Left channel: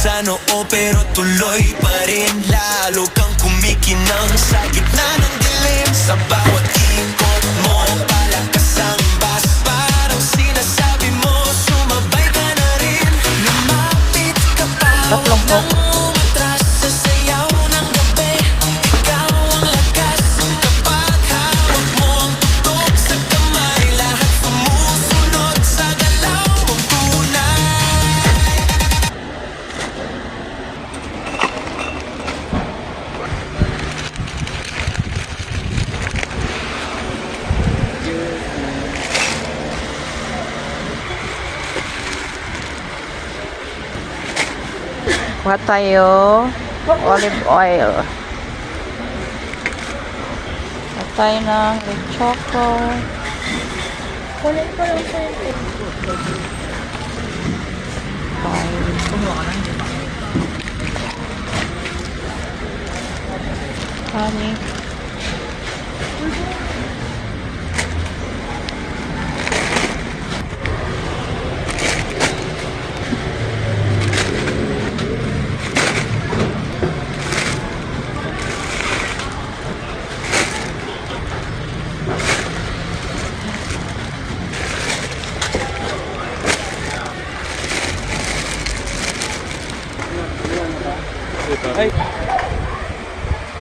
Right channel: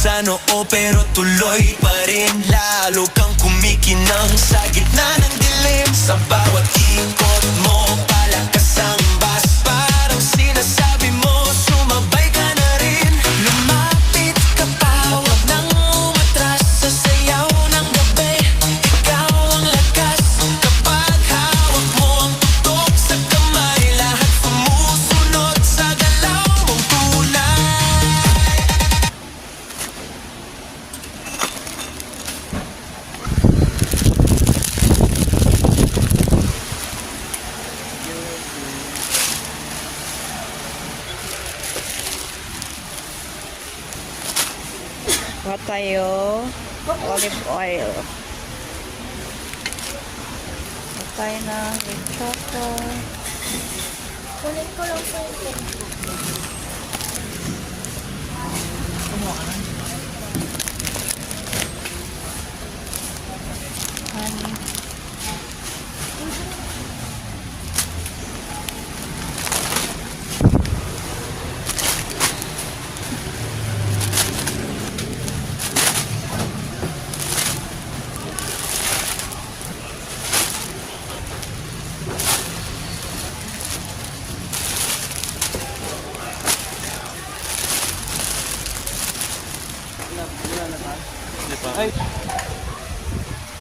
sa noo pero tuloy pa rin. Lalo kang kumikinang sa gitna ng dilim. Sa bawat ikot mo, palakas ang bas. Parang sinasabi mo, sumabay ka na rin. Lumapit ka pa, huwag nang umatras. Sa sayaw ng gabi, ikaw ang lakas. Kapag hawak mo ang tutok sa kamay, lahat sumusunod sa galaw mong tunay. Kuha tayo olive oil. Kuha tayo ng with choco. Kunin ko lang po yung tip. Honey. Ay,